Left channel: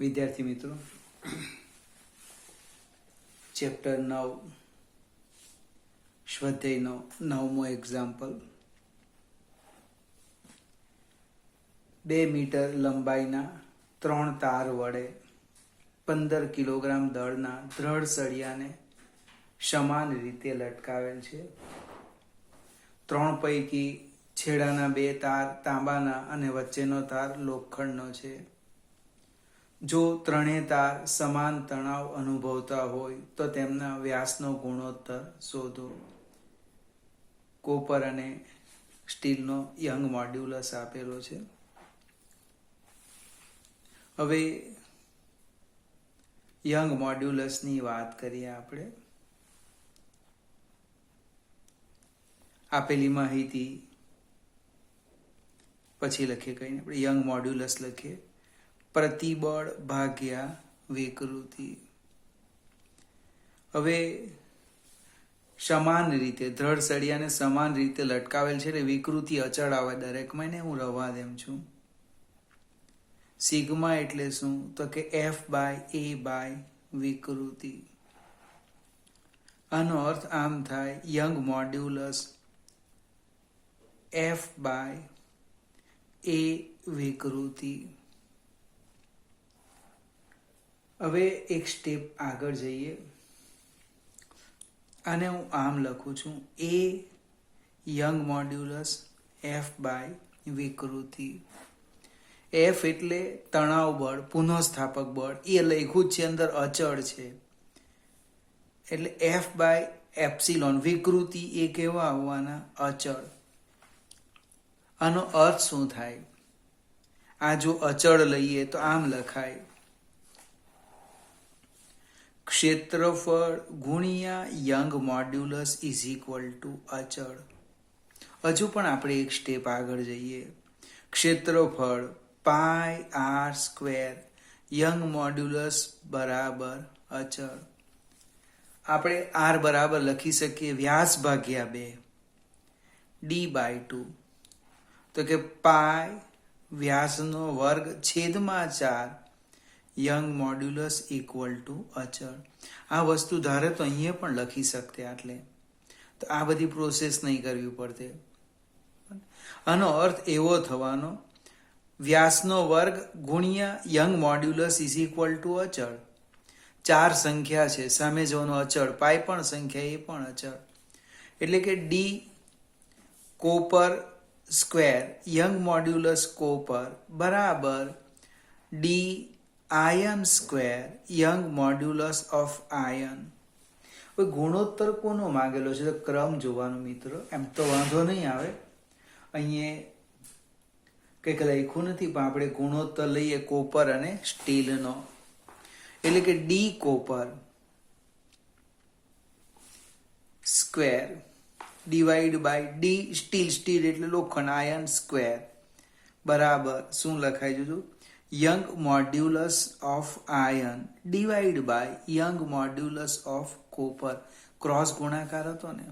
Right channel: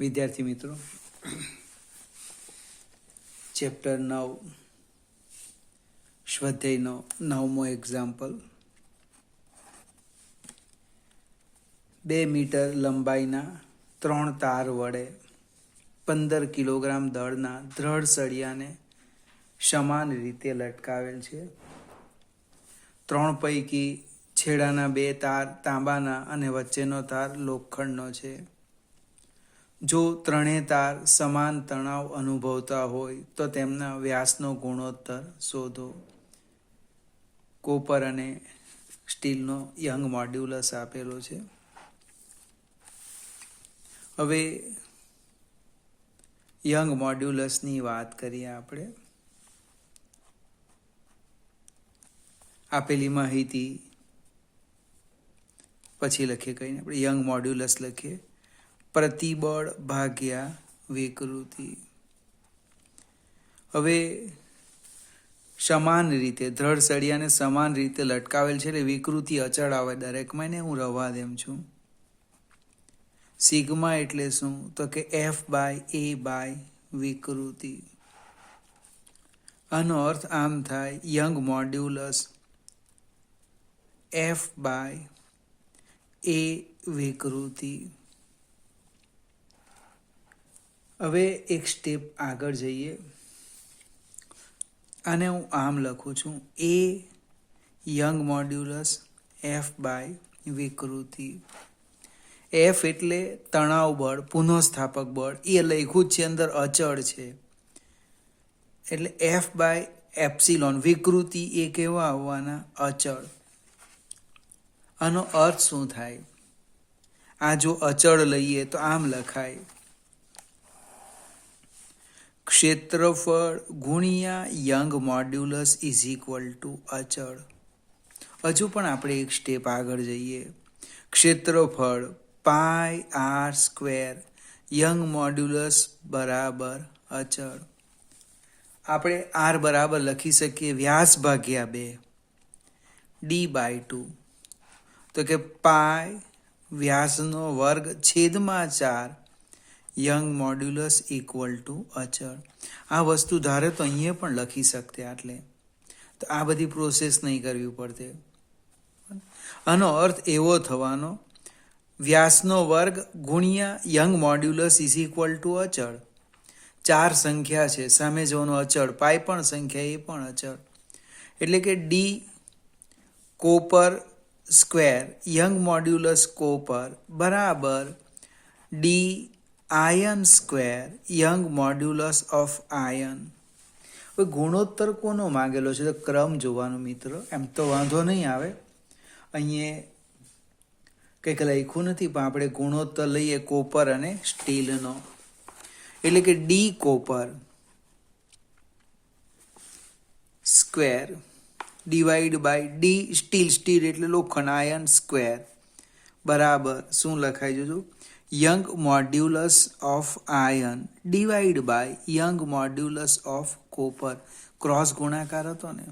વિદ્યાર્થી મિત્રો, chapter 9 સ્વાધ્યાયનો 9મો example. 2 metre લંબાઈના 3 તાર વડે 15 કિલોગ્રામ દળના દ્રઢ સળિયાને સમાન રીતે લટકાવેલ છે. 3 પૈકી છેડાના 2 તાર તાંબાના અને વચ્ચેનો તાર લોખંડનો છે. જો ત્રણેય તાર સમાન તણાવ અનુભવતા હોય તો તેમના વ્યાસનો ગુણોત્તર શોધો. કોપર અને સ્ટીલનો યંગ મોડ્યુલસ આપેલો છે. હવે યંગ મોડ્યુલસની વાત કરીએ આપણે. આપેલી માહિતી પછી લખીએ, કહીને આપણે યંગ મોડ્યુલસ લખીએ. પ્રતિબળ ભાગ્યા વિકૃતિ. હવે સમાન રીતે દ્રઢ સળિયાને સમાન રીતે લટકાવેલ છે એટલે વિકૃતિ અચળ આવે દરેકમાં, ને હું રવા દેમ છું. સિગ્મા એટલે શું? તો કે F/A/ વિકૃતિ. આનો અર્થ આમ થાય, યંગ મોડ્યુલસ F/A વિકૃતિ. હવે એક સ્ટેપ આગળ જઈએ. આને હું આમ લખું છું, A યંગ મોડ્યુલસ F/ વિકૃતિ. F એટલે તણાવ બળ, પુનઃસ્થાપક બળ, એ લખ્યું છે અંદર અચળ છે એટલે F/ε. વિકૃતિ એ કેવા આવવાના? અચળ. આનો અર્થ શું થાય? આ જો અચળ લઈએ તો આમ લખાય, ક્ષેત્રફળ ગુણ્યા young modulus is equal to અચળ. હજુ પણ આપણે એક સ્ટેપ આગળ જઈએ. ક્ષેત્રફળ πr², યંગ મોડ્યુલસ બરાબર અચળ. આપણે r બરાબર લખી શકીએ વ્યાસ ભાગ્યા 2 d/2. તો કે પાય વ્યાસનો વર્ગ છેદમાં 4 યંગ મોડ્યુલસ ઇક્વલ ટુ અચળ. આ વસ્તુ ધારે તો અહીંયા પણ લખી શકતે, આટલે તો આ બધી પ્રોસેસ નહીં કરવી પડતે. આનો અર્થ એવો થવાનો, વ્યાસનો વર્ગ ગુણ્યા young modulus is equal to અચળ. 4 સંખ્યા છે, સામે જવાનો અચળ, પાય પણ સંખ્યા, એ પણ અચળ. એટલે કે D copper square Young modulus copper બરાબર d ion square Young modulus of ion. હવે ગુણોત્તર કોનો માંગેલો છે તો ક્રમ જોવાનો મિત્રો. એમ તો વાંધો નહીં આવે, અહીંયા કંઈક લખ્યું નથી, પણ આપણે ગુણોત્તર લઈએ કોપર અને સ્ટીલનો. એટલે કે D copper square divide by D steel, steel એટલે લોખંડ, આયન સ્ક્વેર બરાબર શું લખાઈ જજો? Young modulus of iron divide by Young modulus of copper. Cross ગુણાકાર હતો ને.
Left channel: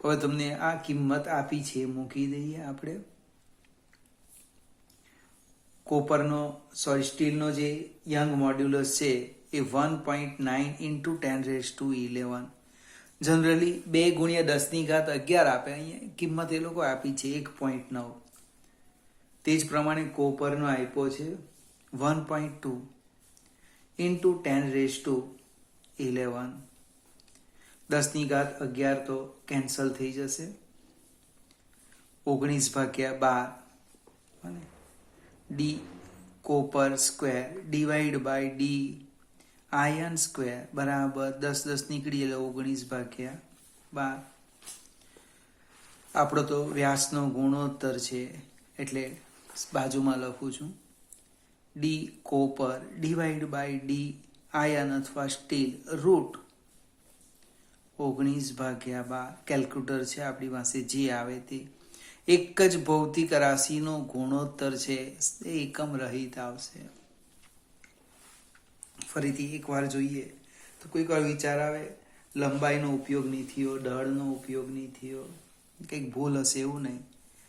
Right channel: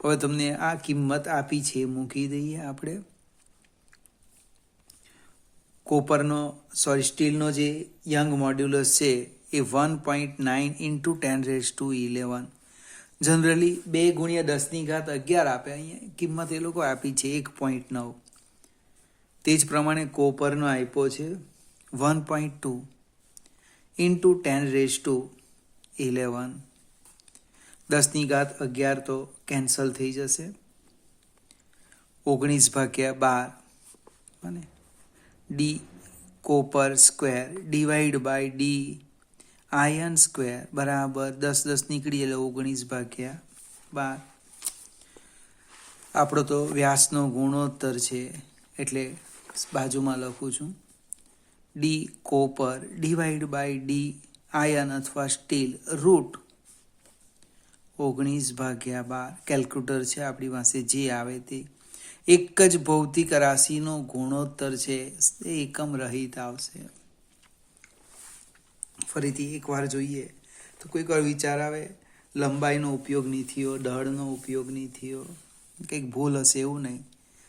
હવે તમને આ કિંમત આપી છે, મૂકી દઈએ આપણે. સ્ટીલનો જે યંગ મોડ્યુલસ છે એ 1.9 × 10⁻11. જનરલી 2 × 10⁻11 આપે, અહીંયા કિંમત એ લોકો આપી છે 1.9. તે જ પ્રમાણે કોપરનો આપ્યો છે 1.2 × 10⁻11. 10⁻11 તો કેન્સલ થઈ જશે, 19/12 અને D copper square divide by D ion square બરાબર 10 નીકળી એટલે 19/12. આપણો તો વ્યાસનો ગુણોત્તર છે એટલે બાજુમાં લખું છું, D copper divide by D iron અથવા સ્ટીલ રૂટ 19/12. કેલ્ક્યુલેટર છે આપણી પાસે, જે આવે તે. એક જ ભૌતિક રાશિનો ગુણોત્તર છે એ એકમ રહિત આવશે. ફરીથી એકવાર જોઈએ તો કોઈક વાર વિચાર આવે, લંબાઈનો ઉપયોગ નહીં થયો, દળનો ઉપયોગ નહીં થયો, કંઈક ભૂલ હશે, એવું નહીં,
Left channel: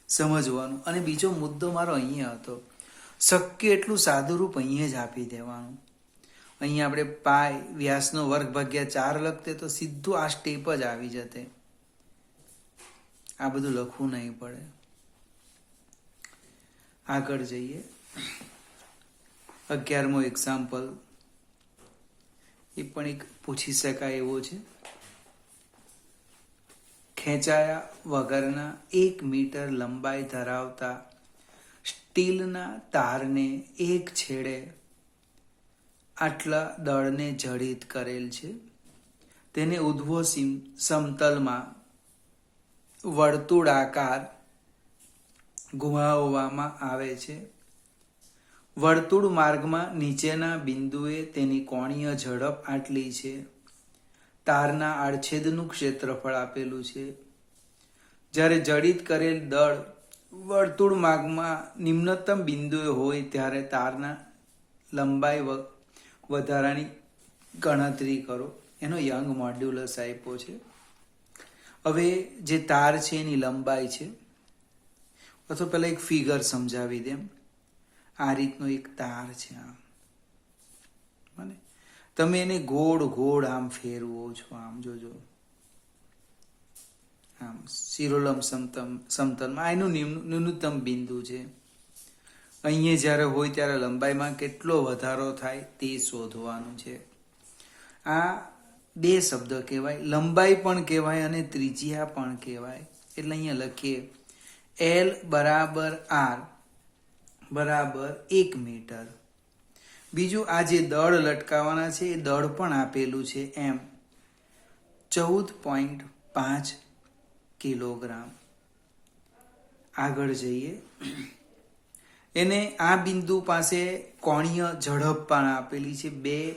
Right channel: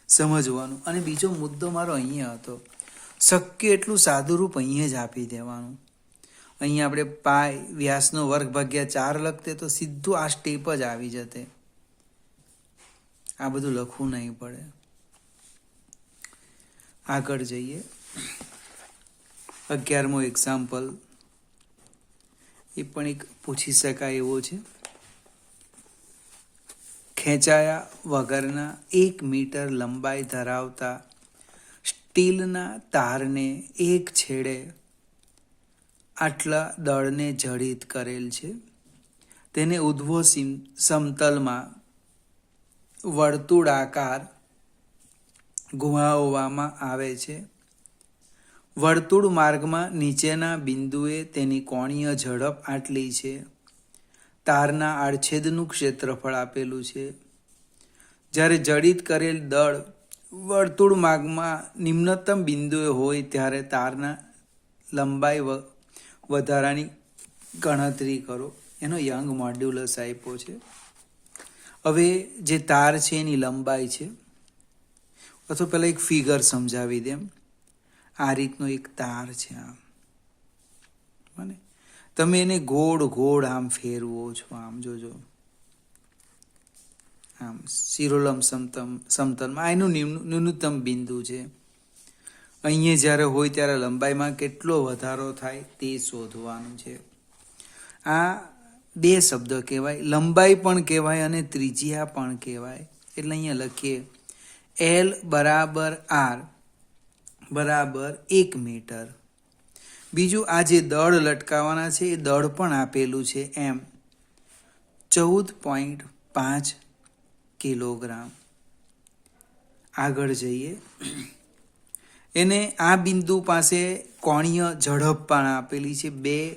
સમજવાનું. અને બીજો મુદ્દો મારો અહીંયા હતો, શક્ય એટલું સાદું રૂપ અહીંયા જ આપી દેવાનું. અહીંયા આપણે પાય વ્યાસનો વર્ગ ભાગ્યા 4 લખતે તો સીધું આ સ્ટેપ જ આવી જતે. આ બધું લખવું નહીં પડે. આગળ જઈએ. 11મો એક્ઝામ્પલ એ પણ એક પૂછી શકાય એવો છે. ખેંચાયા વગરના 1 મીટર લંબાઈ ધરાવતા સ્ટીલના તારને એક છેડે આટલા દળને જડિત કરેલ છે. તેને ઉધ્વો સમતલમાં વર્તુળાકાર ઘુમાવવામાં આવે છે. વર્તુળ માર્ગમાં નીચેના બિંદુએ તેની કોણીય ઝડપ આટલી છે. તારના આડછેદનું ક્ષેત્રફળ આપેલું છે. જ્યારે જડિત કરેલ દળ વર્તુળ માર્ગમાં નિમ્નતમ બિંદુએ હોય ત્યારે તારના લંબાઈ વધારાની ગણતરી કરો. એનો યંગ મોડ્યુલસ આપ્યો છે. હવે જે તાર છે એની લંબાઈ છે, અથવા પહેલાં એક ફિગર સમજાવી દેમ. આ રીતનો એક તાર છે આમ, બને તમે એને ગોળ ગોળ આમ ફેરવો છો, આમ જોજો, આમ શિરોલંબ સમતલમાં એનું ન્યૂનતમ બિંદુ છે. અહીંયા જ્યારે હોય ત્યારે લંબાઈમાં કેટલો વધારો થાય તે શોધવાનું છે. આ 2 શબ્દ કહેવાય, લંબાઈ પણ કહેવાય અને ત્રિજ્યા પણ કહેવાય. એટલે અહીંયા લખીએ L બરાબર R બરાબર 1 મીટર. બીજું આ જે દળ લટકાવવાના છે એ દળ પણ આપેલું છે એમ 14.5 કિલોગ્રામ. આગળ જઈએ. એને આ બિંદુ પાસે કોણીય ઝડપ પણ આપેલી છે. 2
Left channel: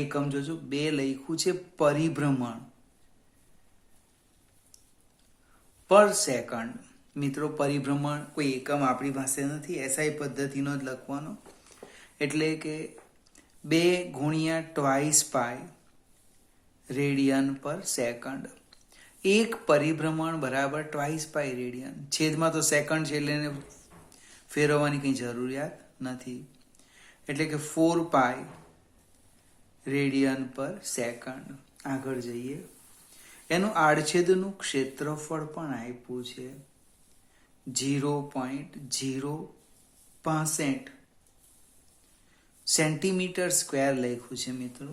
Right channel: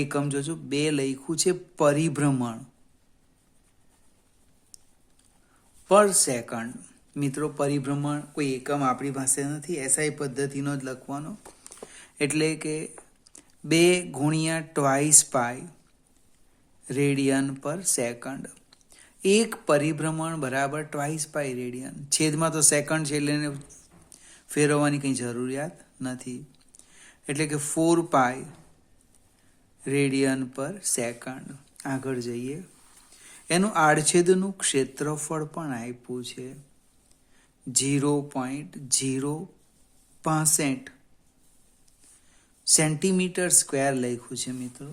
એકમ જોજો, 2 લખ્યું છે પરિભ્રમણ પર સેકન્ડ. મિત્રો પરિભ્રમણ કોઈ એકમ આપણી પાસે નથી, એસઆઈ પદ્ધતિનો જ લખવાનો. એટલે કે 2 ગુણ્યા ટ્વાઇસ પાય રેડિયન પર સેકન્ડ. એક પરિભ્રમણ બરાબર ટ્વાઇસ પાય રેડિયન. છેદમાં તો સેકન્ડ છે એટલે એને ફેરવવાની કંઈ જરૂરિયાત નથી. એટલે કે 4 પાય રેડિયન પર સેકન્ડ. આગળ જઈએ. એનું આડછેદનું ક્ષેત્રફળ પણ આપ્યું છે 0.065 સેન્ટીમીટર સ્ક્વેર લખ્યું છે. મિત્રો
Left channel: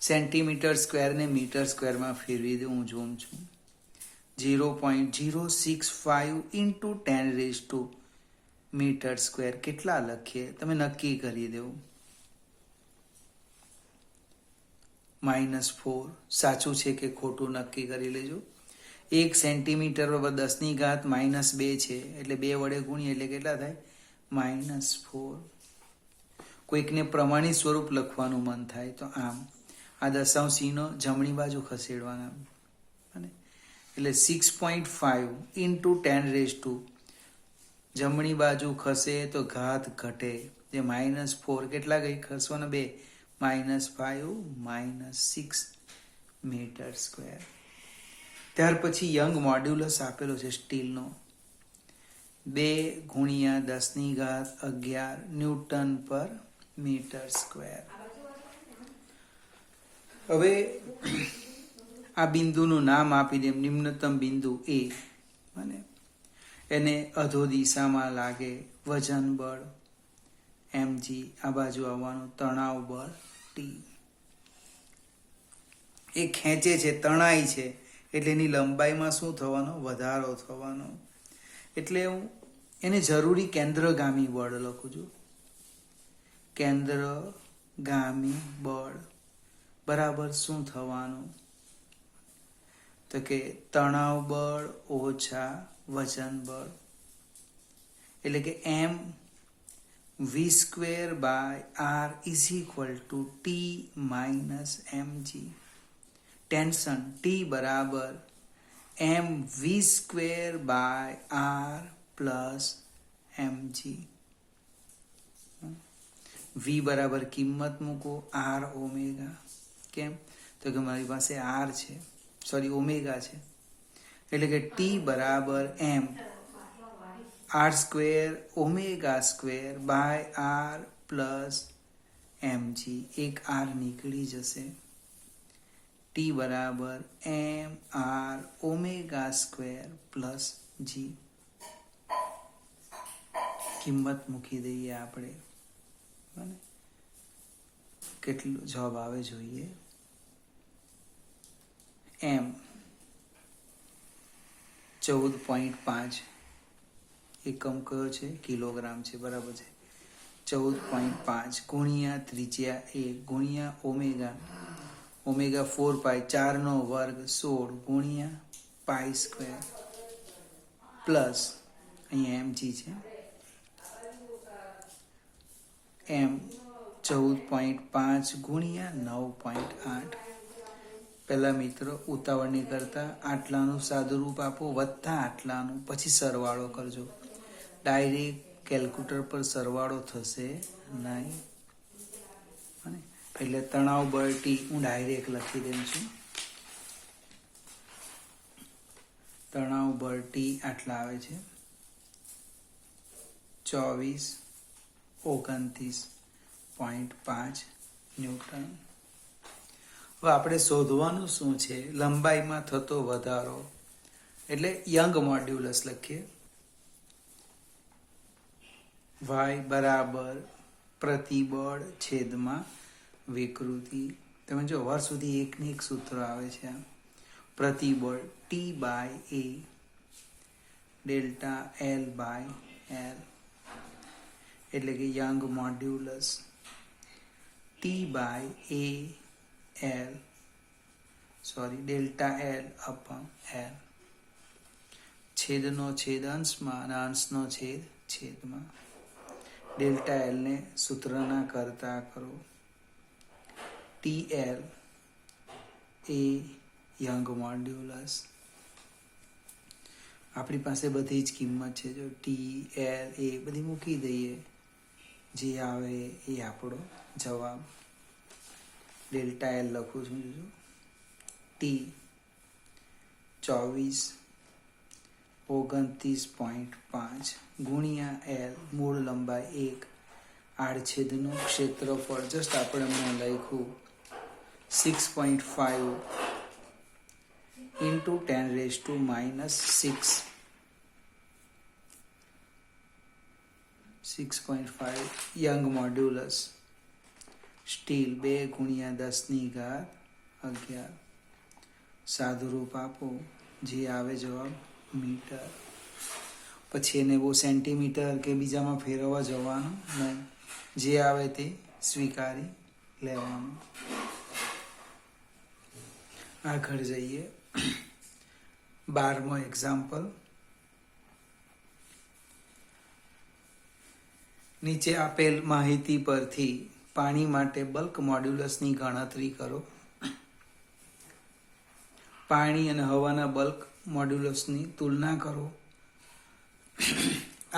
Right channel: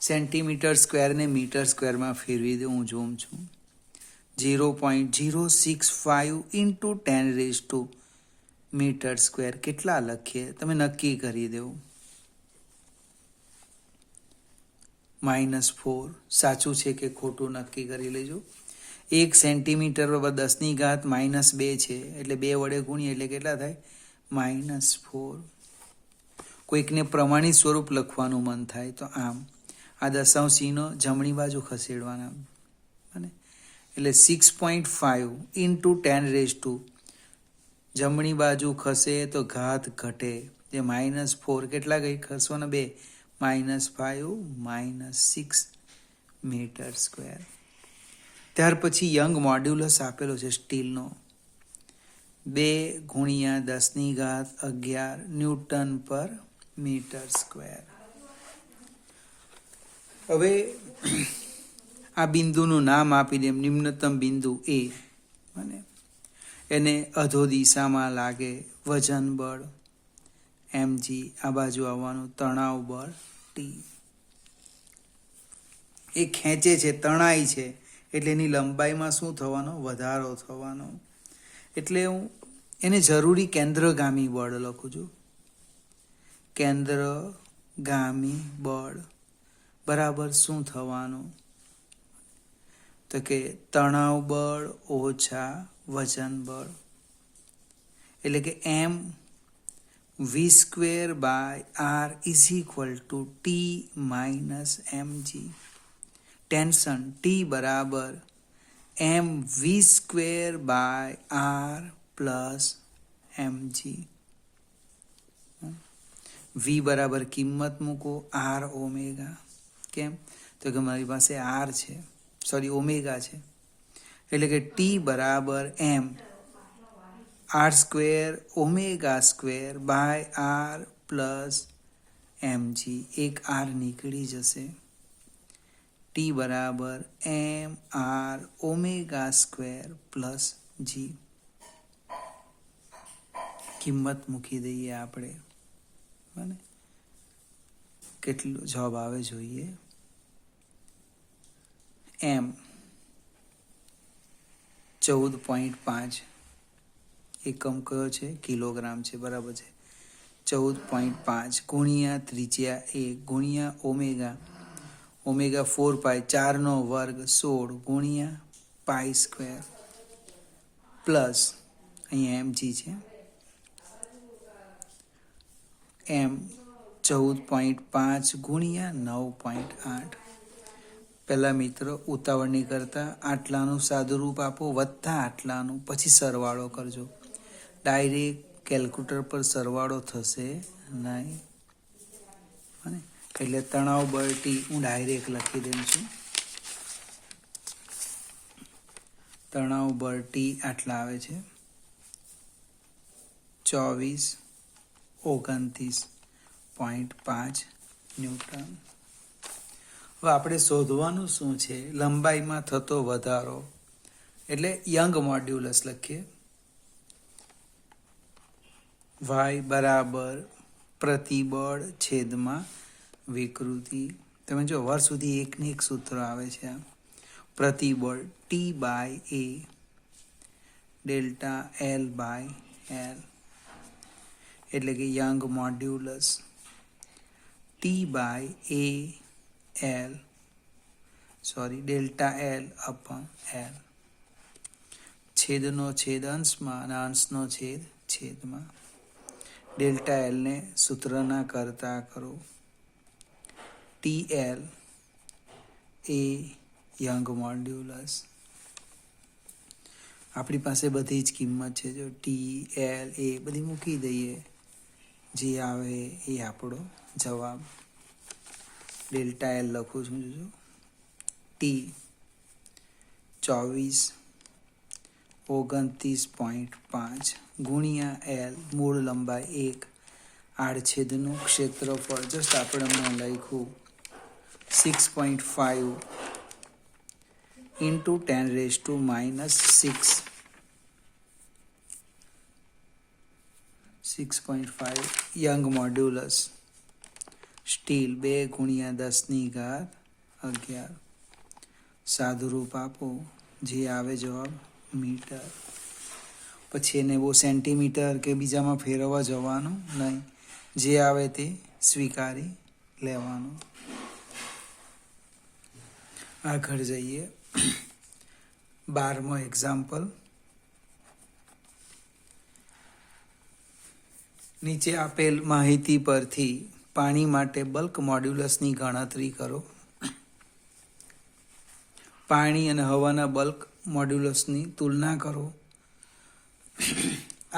સેન્ટીમીટર સ્ક્વેરને મીટર સ્ક્વેરમાં ફેરવી દઉં, હું જોઉં છું. 0.065 ઇન્ટુ 10⁻² મીટર સ્ક્વેર કેટલા લખીએ તમે નક્કી કરી દેવું. -4 સાચું છે કે ખોટું નક્કી કરી લેજો. 1 સેન્ટીમીટર બરાબર 10⁻² છે, એટલે 2 વડે ગુણીએ એટલે કેટલા થાય? -4. કોઈકને પ્રમાણિત સ્વરૂપ લખવાનું મન થાય તો આમ આ દશાંશ ચિહ્નો જમણી બાજુ ખસેડવાના, અને એટલે 6.5 ઇન્ટુ 10⁻². જમણી બાજુ ખસે તો ઘાત ઘટે, જે -4 કેટલા ગઈ ખસવાના? 2 -5 -6 મીટર સ્ક્વેર. ત્યાર પછી યંગ મોડ્યુલસ આપેલો છે સ્ટીલનો 2 ગુણ્યા 10⁻11 ન્યૂટન પર મીટર સ્ક્વેર. હવે આ બિંદુનું નામ આપી દે, નિમ્નતમ બિંદુ A, અને એને અધો દિશામાં લાગે વજન બળ mg, આ બાજુ આવવાનું તણાવ બળ T. એ ખેંચે છે, તણાઈ છે, એટલે એની લંબાઈમાં શું થવાનો? વધારો થવાનો. એટલે હું એને જરૂરી કેન્દ્રગામી બળ લખું છું. કેન્દ્રગામી બળ બરાબર શું થવાનું? તો કે તણાવ બળ ઓછા વજન બળ, એટલે કે mv²/r = T - mg. Tension T બરાબર mv²/r + mg. v બરાબર કિંમત મૂકો r ઓમેગા. કેમ? તો કે મારી પાસે r છે, સોરી ઓમેગા છે, એટલે કે T બરાબર m r square omega square by r plus mg, એક આર નીકળી જશે. ટી બરાબર m r omega square plus g. કિંમત મૂકી દઈએ આપણે, બને કેટલો જવાબ આવે જોઈએ. એમ 14.5 એકમ કયો છે? કિલોગ્રામ છે, બરાબર છે. 14.5 ગુણ્યા ત્રિજ્યા 1 ગુણ્યા ઓમેગા, ઓમેગા 4 પાઈ, 4 નો વર્ગ 16 ગુણ્યા પાઈ સ્ક્વેર પ્લસ અહીંયા mg છે, એમ 14.5 ગુણ્યા 9.8. પહેલા મિત્રો ઉતાવળની કરતા આટલાનું સાદુરૂપ આપો વત્તા આટલાનું, પછી સરવાળો કરજો. ડાયરેક્ટ કેલ્ક્યુલેટર પર સરવાળો થશે નહીં. એટલે તણાવ બળ ટી હું ડાયરેક્ટ લખી દઉં છું. તણાવ બળ ટી આટલા આવે છે 2429.5 ન્યૂટન. હવે આપણે શોધવાનું શું છે? લંબાઈમાં થતો વધારો, એટલે યંગ મોડ્યુલસ લખીએ. વાય બરાબર પ્રતિબળ છેદમાં વિકૃતિ. તમે જો વર્ષ સુધી એકને એક સૂત્ર આવે છે. પ્રતિબળ t by a delta l by l, એટલે કે Young modulus t by a l, sorry delta l upon l. છેદનો છેદ અંશમાં અને અંશનો છેદ છેદમાં. ડેલ્ટા એલને સૂત્રના કરતા કરો. ટી એલ એ યંગ મોડ્યુલસ. આપણી પાસે બધી જ કિંમત છે. જો ટી એલ એ બધી મૂકી દઈએ, જે આવે એ આપણો જવાબ. ડેલ્ટા એલ લખું છું. ટી 2429.5 ગુણ્યા એલ, મૂળ લંબાઈ 1, આડછેદનું ક્ષેત્રફળ જસ્ટ આપણે લખ્યું 6.5 into 10⁻⁻6. 6.5 યંગ મોડ્યુલસ સ્ટીલ 2 ગુણ્યા 10⁻11. સાદુરૂપ આપો, જે આવે જવાબ મીટર. પછી એને બહુ સેન્ટીમીટર કે બીજામાં ફેરવવા જવાનું નહીં, જે આવે તે સ્વીકારી લેવાનું. આગળ જઈએ. 12મો એક્ઝામ્પલ. નીચે આપેલ માહિતી પરથી પાણી માટે બલ્ક મોડ્યુલસની ગણતરી કરો. પાણી અને હવાના બલ્ક મોડ્યુલસની તુલના કરો.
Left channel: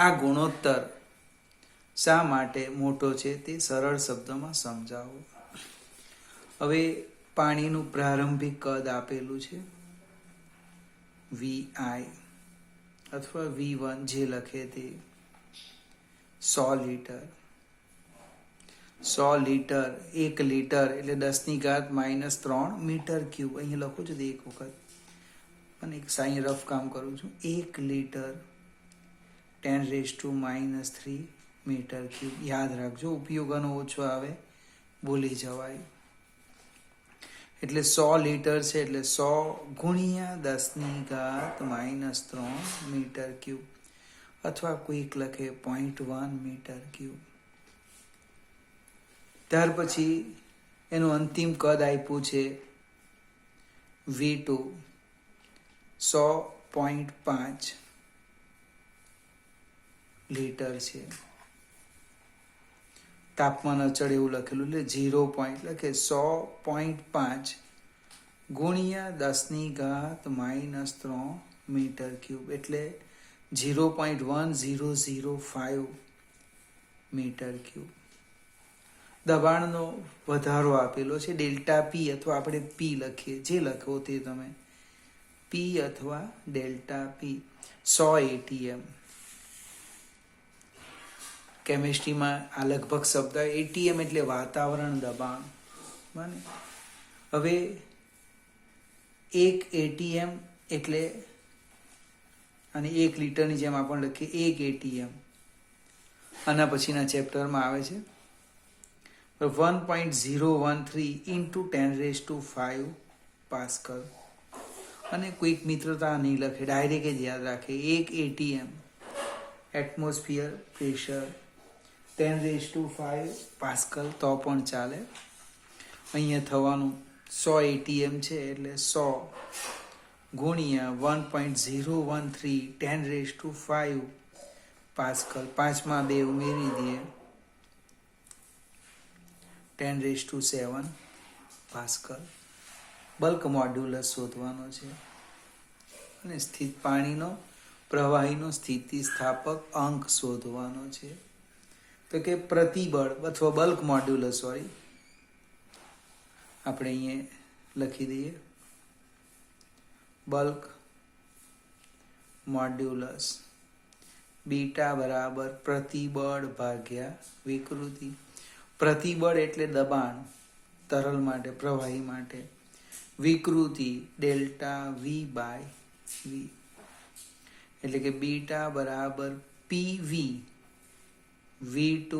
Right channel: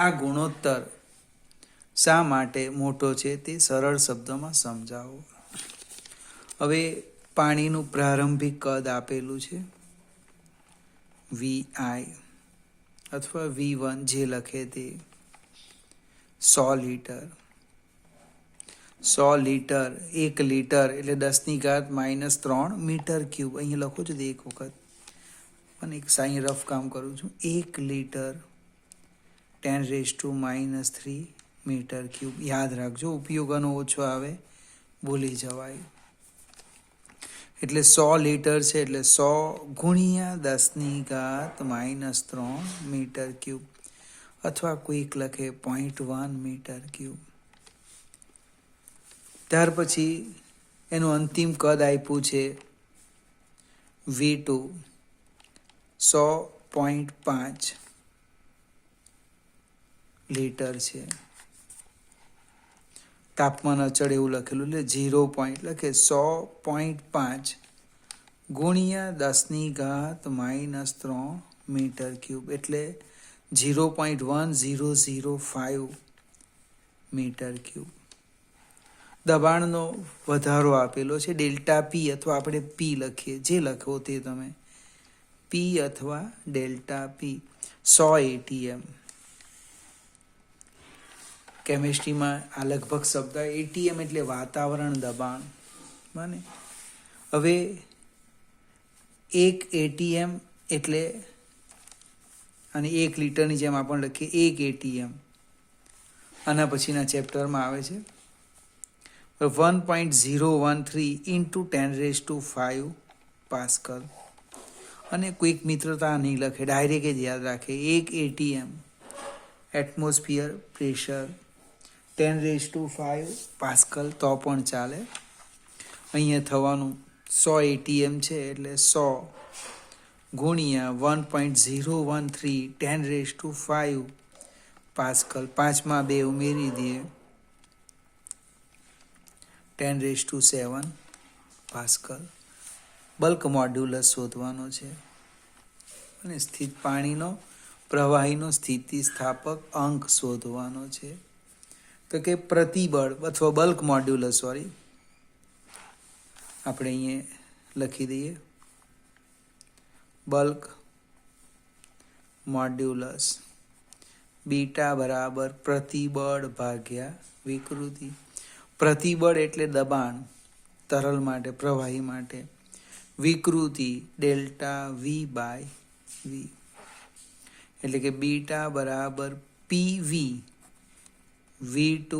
આ ગુણોત્તર શા માટે મોટો છે તે સરળ શબ્દોમાં સમજાવો. હવે પાણીનું પ્રારંભિક કદ આપેલું છે VI અથવા V1, જે લખે તે 100 લીટર. 100 લીટર, 1 લીટર એટલે 10⁻³ મીટર ક્યુબ. અહીં લખું છું એક વખત, અને એક સાઈન રફ કામ કરું છું. 1 લીટર 10⁻³ મીટર ક્યુબ. યાદ રાખજો, ઉપયોગનો ઓછો આવે, ભૂલી જવાય. એટલે 100 લીટર છે, એટલે 100 ગુણ્યા 10⁻³ મીટર ક્યુબ, અથવા કોઈક લખે 0.1 મીટર ક્યુબ. ત્યાર પછી એનું અંતિમ કદ આપ્યું છે V2 100.5 લીટર છે. તાપમાન અચળ એવું લખેલું, એટલે 0 પોઈન્ટ લખે 100.5 ગુણ્યા 10⁻³ મીટર ક્યુબ, એટલે 0.1005 મીટર ક્યુબ. દબાણનો વધારો આપેલો છે ડેલ્ટા પી, અથવા આપણે પી લખીએ, જે લખો તે તમે. પી અથવા ડેલ્ટા પી 100 ATM. કેમિસ્ટ્રીમાં આ લગભગ શબ્દ એટીએમ એટલે વાતાવરણ દબાણ. બને હવે 1 એટીએમ એટલે, અને 1 લીટરની જેમ આપણે લખીએ 1 એટીએમ. આના પછીના ચેપ્ટરમાં આવે છે 1.013 ઇન્ટુ 10⁵ પાસ્કલ. અને કોઈક મિત્રતા નહીં લખે, ડાયરેક્ટ જ યાદ રાખે 1 એટીએમ એટમોસ્ફિયર પ્રેશર 10⁵ પાસ્કલ તો પણ ચાલે. અહીંયા થવાનું 100 એટીએમ છે એટલે 100 ગુણ્યા 1.013 10⁵ પાસ્કલ. 5માં 2 ઉમેરી દઈએ 10⁷ પાસ્કલ. બલ્ક મોડ્યુલસ શોધવાનો છે. અને પાણીનો પ્રવાહીનો સ્થિતિસ્થાપક અંક શોધવાનો છે. તો કે પ્રતિબળ અથવા બલ્ક મોડ્યુલસ, આપણે અહીંયા લખી દઈએ બલ્ક મોડ્યુલસ બીટા બરાબર પ્રતિબળ ભાગ્યા વિકૃતિ. પ્રતિબળ એટલે દબાણ તરલ માટે, પ્રવાહી માટે. વિકૃતિ ડેલ્ટા વી બાય વી, એટલે કે બીટા બરાબર પીવી V2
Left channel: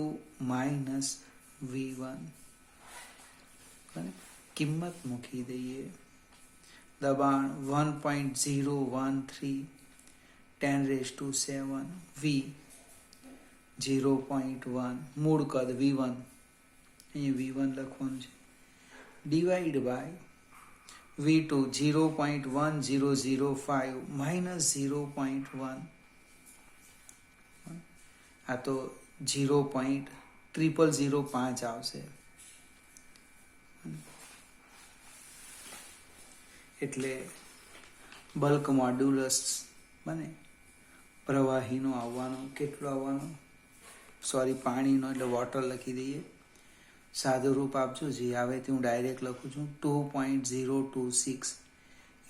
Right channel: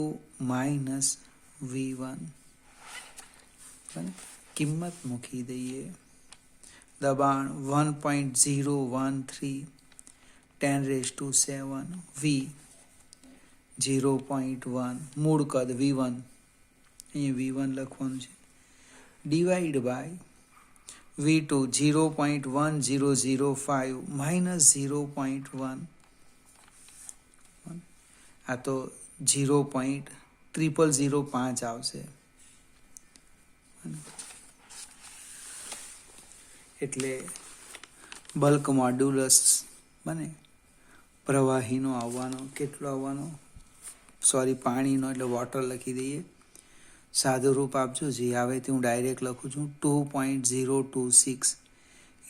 માઇનસ V1. કિંમત મૂકી દઈએ. દબાણ 1.013 10⁷ V 0.1, મૂળ કદ V1, અહીંયા V1 લખવાનું છે, ડિવાઈડ બાય V2 0.1005 માઇનસ 0.1. આ તો 0.0005 આવશે. એટલે બલ્ક મોડ્યુલસ બને પ્રવાહીનો આવવાનો, કેટલો આવવાનો, પાણીનો, એટલે વોટર લખી દઈએ. સાદું રૂપ આપજો, જે આવે તે હું ડાયરેક્ટ લખું છું. 2.026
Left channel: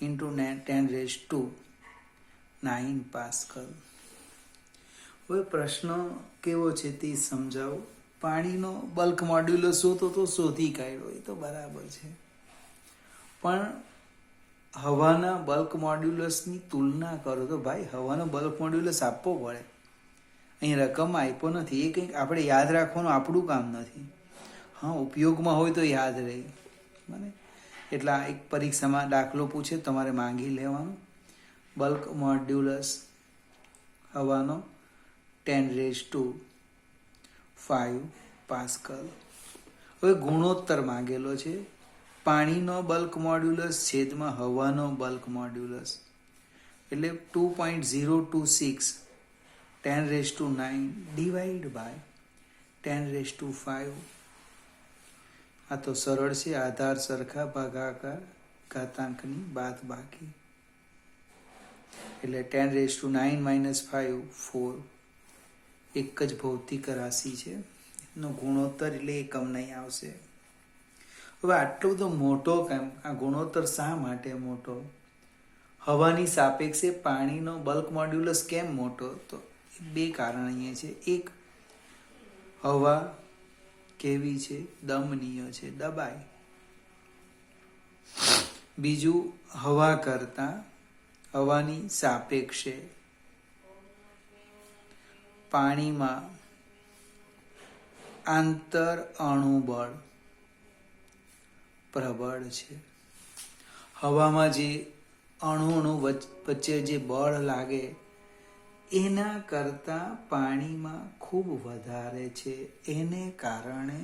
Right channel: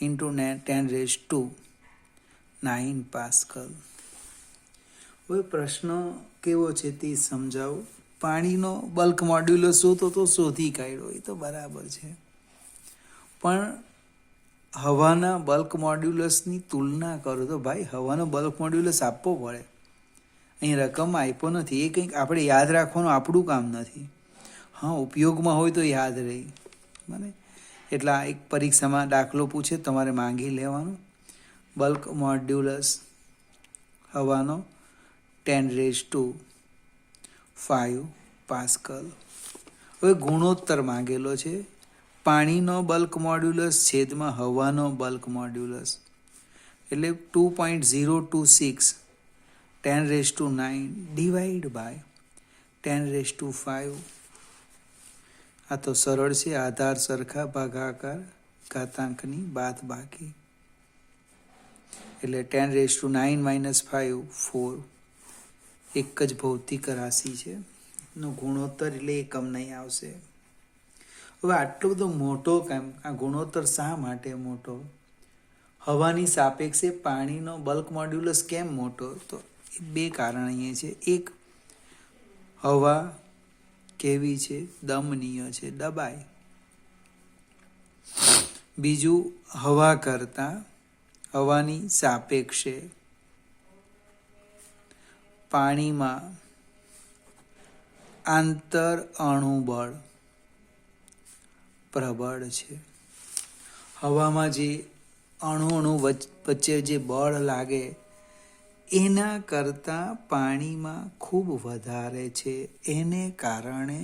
ઇન્ટુ 10⁹ પાસ્કલ. હવે પ્રશ્ન કેવો છે તે સમજાવું. પાણીનો બલ્ક મોડ્યુલસ શોધો તો શોધી કાઢ્યો, એ તો બરાબર છે, પણ હવાના બલ્ક મોડ્યુલસની તુલના કરો તો ભાઈ હવાનો બલ્ક મોડ્યુલસ આપવો પડે. અહીં રકમ આપ્યો નથી, એ કંઈક આપણે યાદ રાખવાનું આપણું કામ નથી. હા, ઉપયોગમાં હોય તો યાદ રહે. બને એટલે એક પરીક્ષામાં દાખલો પૂછે, તમારે માંગી લેવાનું બલ્ક મોડ્યુલસ હવાનો 10⁵ પાસ્કલ. હવે ગુણોત્તર માંગેલો છે, પાણીનો બલ્ક મોડ્યુલસ છેદમાં હવાનો બલ્ક મોડ્યુલસ, એટલે 2.026 10⁹ ડિવાઈડ બાય 10⁵. આ તો સરળ છે, આધાર સરખા ભાગાકાર ઘાતાંકની બાદ બાકી, એટલે 10⁹ - 5 4. એક જ ભૌતિક રાશિ છે, નો ગુણોત્તર એટલે એકમ નહીં આવશે. હવે આટલો બધો મોટો કામ, આ ગુણોત્તર શા માટે મોટો? હવાની સાપેક્ષે પાણીનો બલ્ક મોડ્યુલસ કેમ મોટો? તો 2 કારણ અહીંયા છે. એક, હવા કેવી છે? દમનીય છે, દબાય. બીજું, હવા કરતા હવાની સાપેક્ષે પાણીમાં આંતર અણુબળ પ્રબળ છે. હવામાં જે અણુ વચ્ચે જે બળ લાગે એના કરતાં પાણીમાં ખૂબ વધારે છે. એને કારણે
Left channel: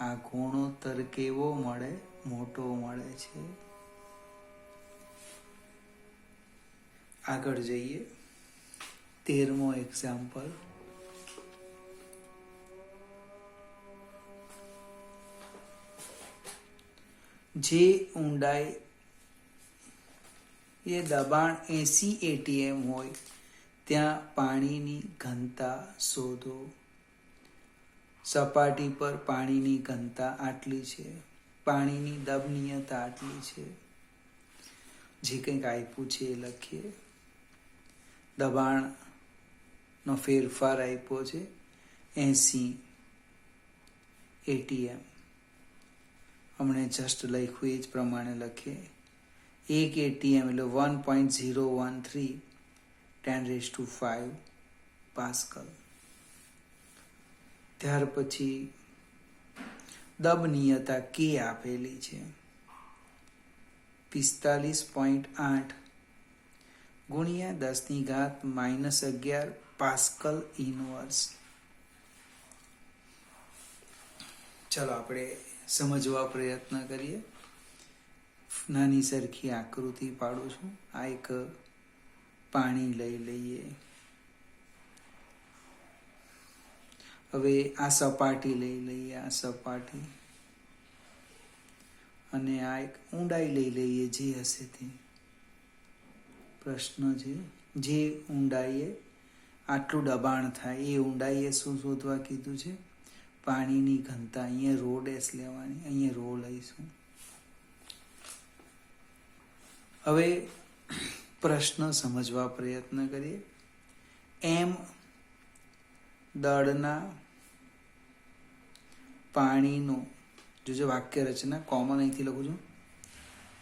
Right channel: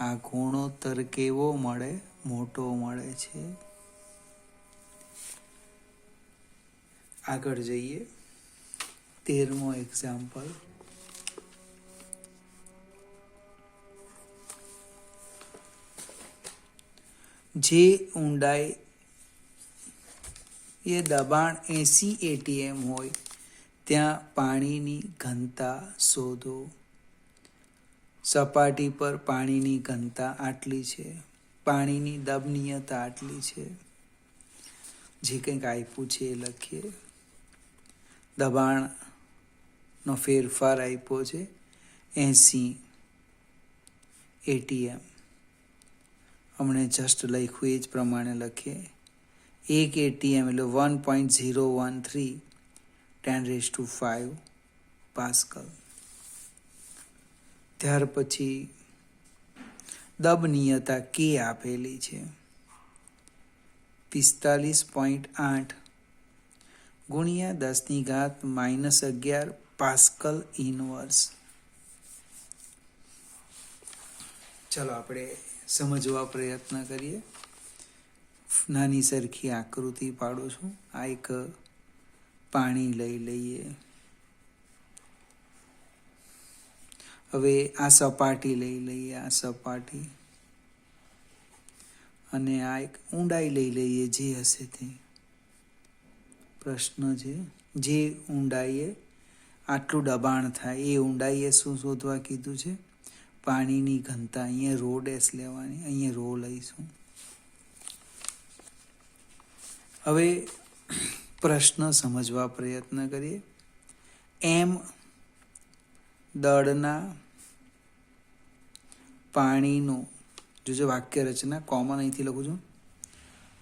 આ ગુણોત્તર કેવો મળે? મોટો મળે છે. આગળ જઈએ. 13મો એક્ઝામ્પલ. જે ઊંડાઈ એ દબાણ 80 એટીએમ હોય ત્યાં પાણીની ઘનતા શોધો. સપાટી પર પાણીની ઘનતા આટલી છે, પાણીની દબનીયતા આટલી છે. જે કંઈક આપ્યું છે એ લખીએ. દબાણનો ફેરફાર આપ્યો છે 80 ATM. हमने जस्ट લખ્યું એ જ પ્રમાણે લખીએ. 1 ATM એટલે 1.013 10⁵ પાસ્કલ. ત્યાર પછી દબનીયતા કે આપેલી છે 45.8 ગુણ્યા 10⁻⁻11 પાસ્કલ ઇનવર્સ. ચાલો આપણે સમજવા પ્રયત્ન કરીએ. નાની સરખી આકૃતિ પાડું છું. આ એક પાણી લઈ લઈએ. હવે આ સપાટી લઈ લઈએ, આ સપાટી, અને આ એક ઊંડાઈ લઈ લઈએ જે હશે તે. પ્રશ્ન છે જે ઊંડાઈએ આટલું દબાણ થાય એ ઊંડાઈએ શું શોધવા કીધું છે? પાણીની ઘનતા. અહીંયા રો ડેશ લેવાની, અહીંયા રો લઈશું. હવે પ્રશ્ન સમજવા પ્રયત્ન કરીએ. એમ દળના પાણીનો, જોજો વાક્ય રચના કોમન અહીંથી લખું છું.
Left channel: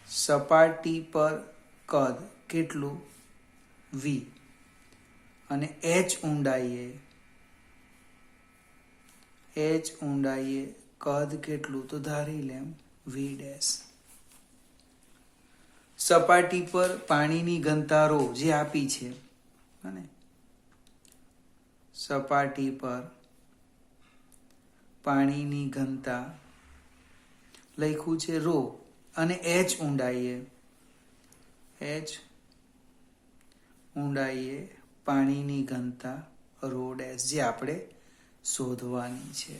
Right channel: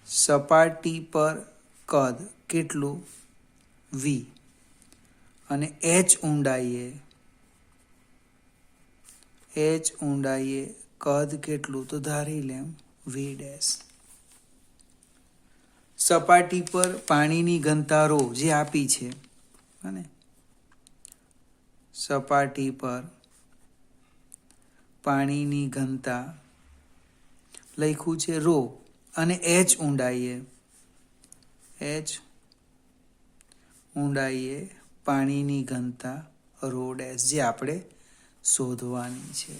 સપાટી પર કદ કેટલું? V, અને h ઊંડાઈએ કદ કેટલું? તો ધારી લેમ V ડેશ. સપાટી પર પાણીની ઘનતા રો જે આપી છે, અને સપાટી પર પાણીની ઘનતા લખ્યું છે રો, અને h ઊંડાઈએ પાણીની ઘનતા રો ડેશ જે આપણે શોધવાની છે.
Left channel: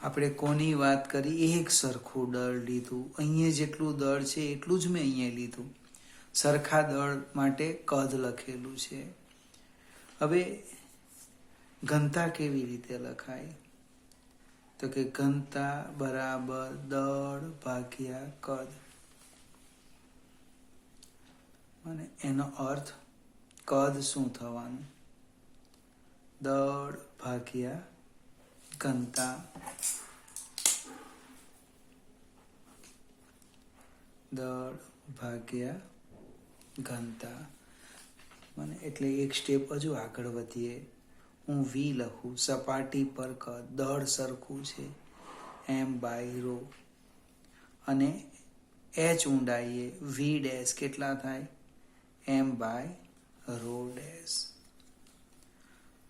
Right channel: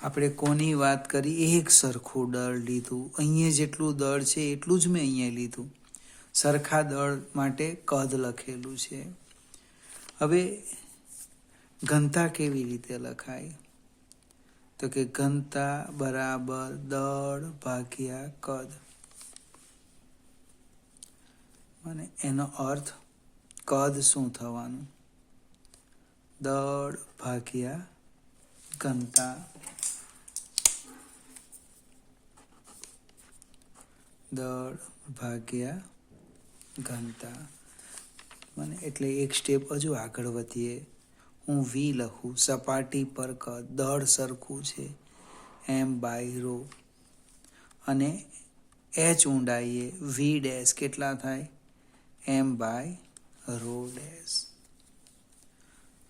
આપણે કોની વાત કરી? એક સરખું દળ લીધું. અહીંયા જેટલું દળ છે એટલું જ મેં અહીંયા લીધું. સરખા દળ માટે કદ લખેલું છે. હવે ઘનતા કેવી રીતે લખાય? તો કે ઘનતા બરાબર દળ ભાગ્યા કદ. અને એનો અર્થ કદ શું થવાનું? દળ ભાગ્યા ઘનતા. દળ ભાગ્યા ઘનતા. મને એટલે એક સ્ટેપ હજુ આગળ વધીએ. હું V લખું. સપાટી પર કદ, દળ સરખું છે m/ρ, અને h ઊંડાઈએ V ડેશ કેટલા થાય? m/ρ dash.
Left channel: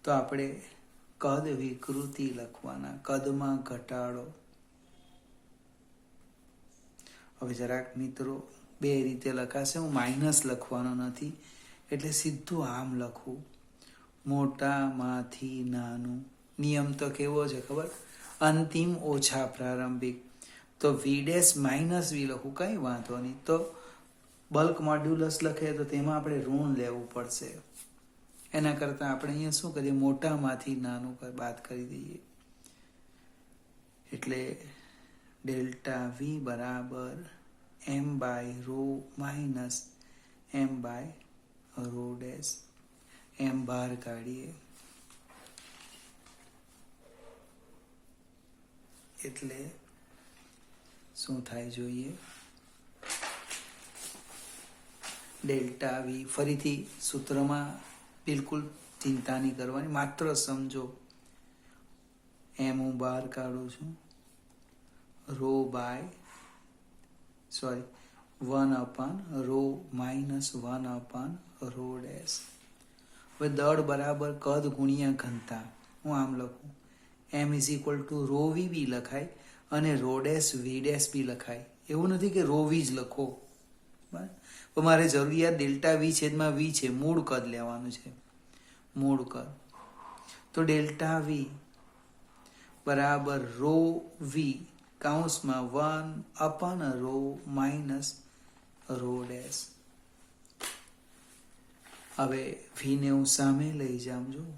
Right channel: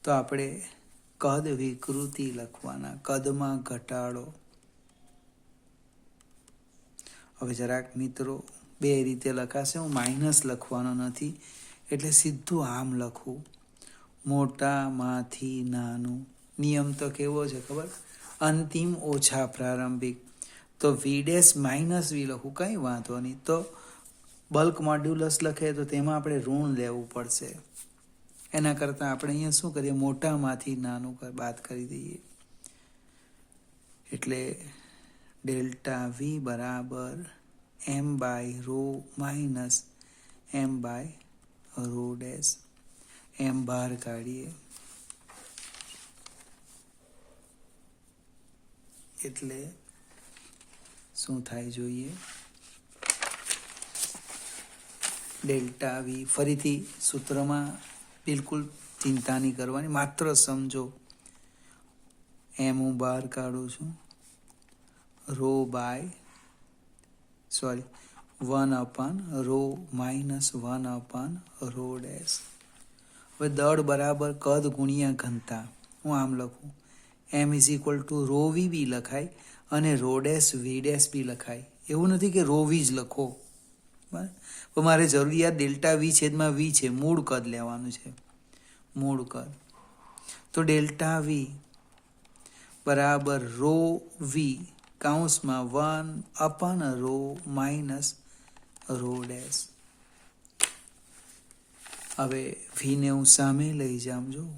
તો આપણે કદ વિકૃતિ લખવાના, કદમાં ઘટાડો. હવે જરાક મિત્રો બે રીતે લખાશે. હું માઇનસ લખવાનો નથી, એટલે સીધું આમ લખું. મોટામાંથી નાનું. નિયમ તો કેવો છે ખબર? અંતિમ ઓછા પ્રારંભિક. તો V ડેશ માઇનસ V લખું, કંઈ વાંધો નહીં. તો બલ્ક મોડ્યુલસ લખે તો તેમાં આપણે ઋણ લેવું પડશે. એના કરતાં આપણે અહીંયા શું કરીએ? મોટામાંથી નાનું બાદ કરી દઈએ. એટલે ડેલ્ટા V બરાબર m/ρ માઇનસ m/ρ ડેશ. એમ બહાર કાઢીએ એટલે શું થાય જોઈએ? Delta V. ફરીથી સૂત્રમાં બિલકુલ ચિંતા નહીં કરવાની, માત્ર સમજો. એમ હું બહાર કાઢું છું. 1/ρ માઇનસ 1/ρ ડેશ. હવે દળ બરાબર કદ ગુણ્યા ઘનતા. હું આમ લખું. m = ρV બી લખાય અને ρ ડેશ V ડેશ બી લખાય. એવું નથી કે ρV જ લખો. બરાબર? તો મારે જરૂરિયાત ડેલ્ટા V છેદમાં V છે. મૂળ કદ લેવાનું છે, મૂળ કદ. તો ડેલ્ટા V બરાબર ρV કૌંસમાં 1/ρ માઇનસ ρ ડેશ. હવે V ને હું સામે લઈ જાઉં છું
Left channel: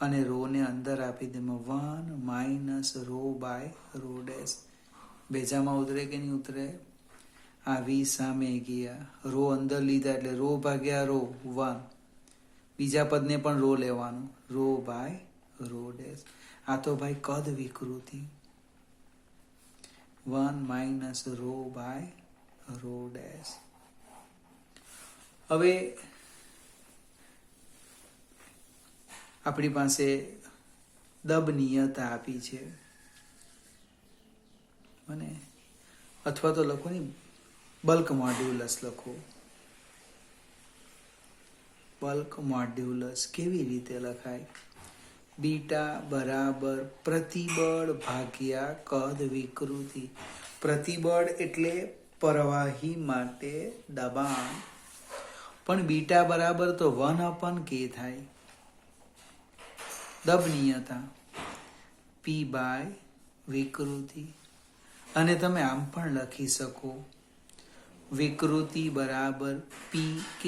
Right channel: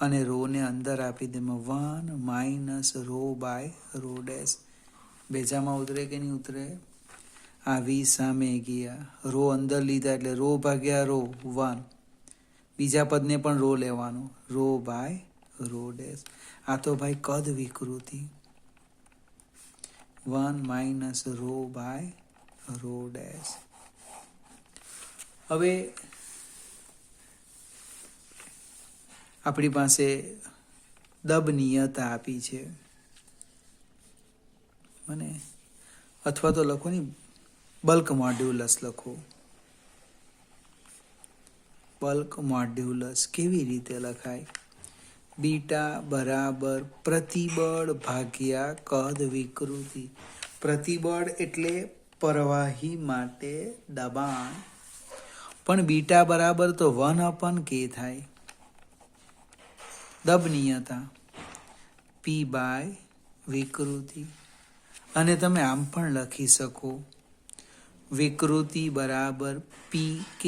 અને રોને અંદર આપી દે 1 માઇનસ ρ/ρ ડેશ. બેજામાં ઉતરે કે નહીં ઉતરે? આ V સામે ગયા, રો અંદર લીધા એટલે ρ/ρ 1 બીજા પદને પણ રો લેવાનું, રો બાય રો ડેશ. આ તો ભાઈ કદ વિકૃતિ, 1 minus rho by rho dash. હવે આપણી પાસે દબનીયતા આપી છે, અને અથવા તો લખો ને બલ્ક મોડ્યુલસ લખો. બલ્ક મોડ્યુલસ કેવી રીતે લખાય? બીટા બરાબર પ્રતિબળ ભાગ્યા કદ વિકૃતિ. પ્રતિબળ એટલે પ્રવાહી માટે દબાણ, પણ બીટા બરાબર તો 1/k થાય. દબનીયતા P બાય વિકૃતિ. અને તમે આમ પણ લખી શકો, વિકૃતિ બરાબર PK.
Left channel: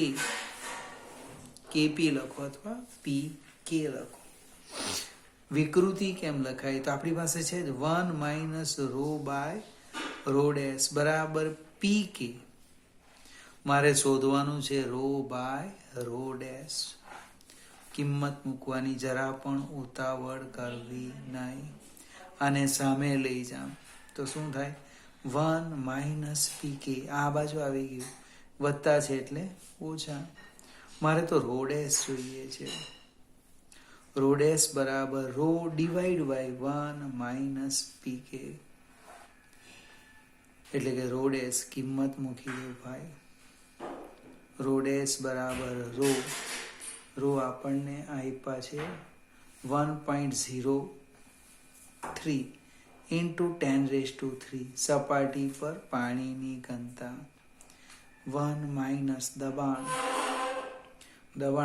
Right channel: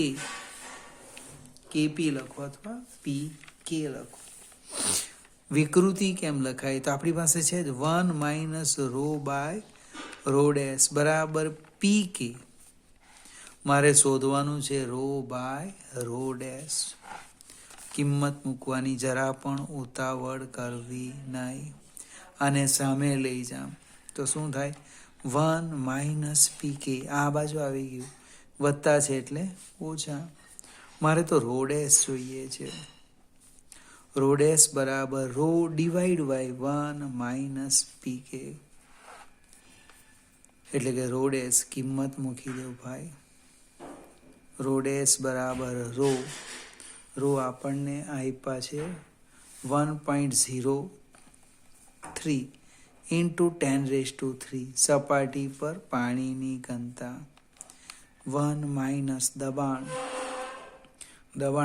KP લખો અથવા PK લખો. વિકૃતિ કેમ લખાય? તો આપણી પાસે છે 1 minus rho by rho dash બરાબર PK. મારે શોધવાનું છે રો બાય રો ડેશ. કિંમત મૂકવાની જરા પણ ઉતાવળ કરવી નહીં, અને સામે લઈ જામ તો શું થાય? 1 માઇનસ PK. આ બાજુ આવી ગયું, વત્તા છે એટલે ઓછા. મારે તો રો ડેશ જોઈએ છે. રો ડેશ બરાબર rho divide by 1 minus PK. એટલે કે રો ડેશ કિંમત મૂકી દો ભાઈ. રો ડેશ બરાબર રો આપણને આપ્યા છે 1.03 ઇન્ટુ 10⁻³ સપાટી પર પાણીની ઘનતા. 1 માઇનસ દબાણ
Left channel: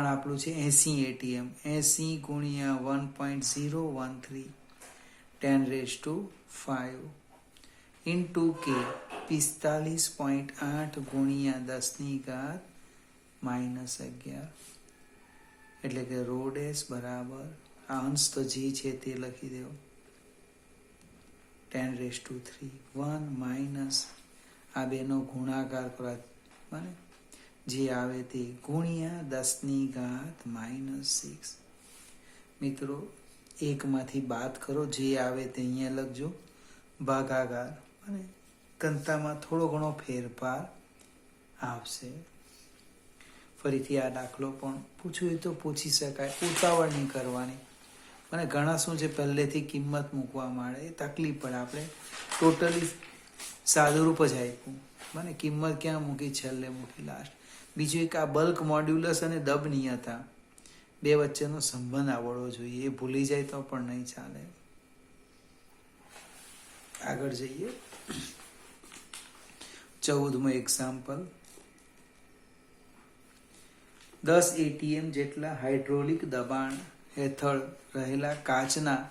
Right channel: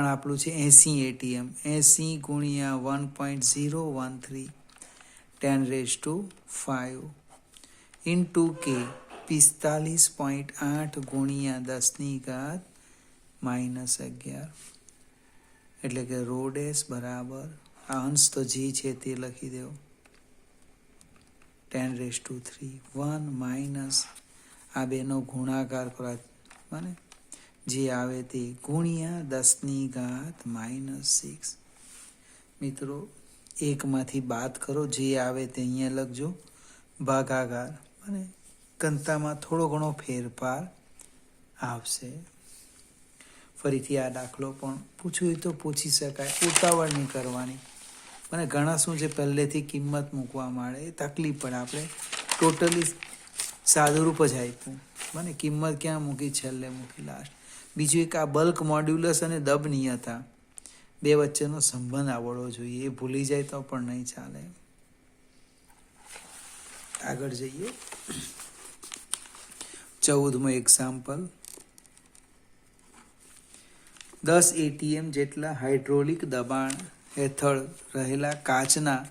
આપણું છે 80 ATM. 80 ગુણ્યા 1.013 10⁵ ઇન્ટુ K 45.8 ગુણ્યા 10⁻11. એટલે કે રો ડેશ બરાબર, આ અંશ તો જે છે તે લખી દો, 10⁻³ 1 માઇનસ આ બેનો ગુણાકાર કરો, મને જે આવે તે ગુણ્યા 10⁻6. મિત્રો એકમાંથી બાદ કરો, જે આવે તે અહીંયા લખજો, ભાગાકાર, અને ઘનતામાં થોડો ઘણો ફેરફાર આવશે. ફરીથી આ દાખલો પણ પૂછવું તો પૂછી શકાય, ઉતાવળ નહીં કરવાની. અને ઘણા શું છે, પહેલેથી કિંમત મૂકવા માંડે, એ તકલીફ પડે. આપણે ટોટલી સાદુરૂપ જ આપ્યું, મને કિંમત ક્યાં મૂકી, છેલ્લે મૂકી, લાસ્ટ. બીજું એક આ બલ્ક મોડ્યુલસ અને દબનીયતા બે વચ્ચેનો સંબંધ આવડવો જોઈએ. એ ભૂલી જાય તો પણ નહીં ચાલે. આગળ જઈએ. 14મું એક્ઝામ્પલ. 10 ATM જેટલા હાઇડ્રોલિક દબાણ હેઠળ રહેલા કાચના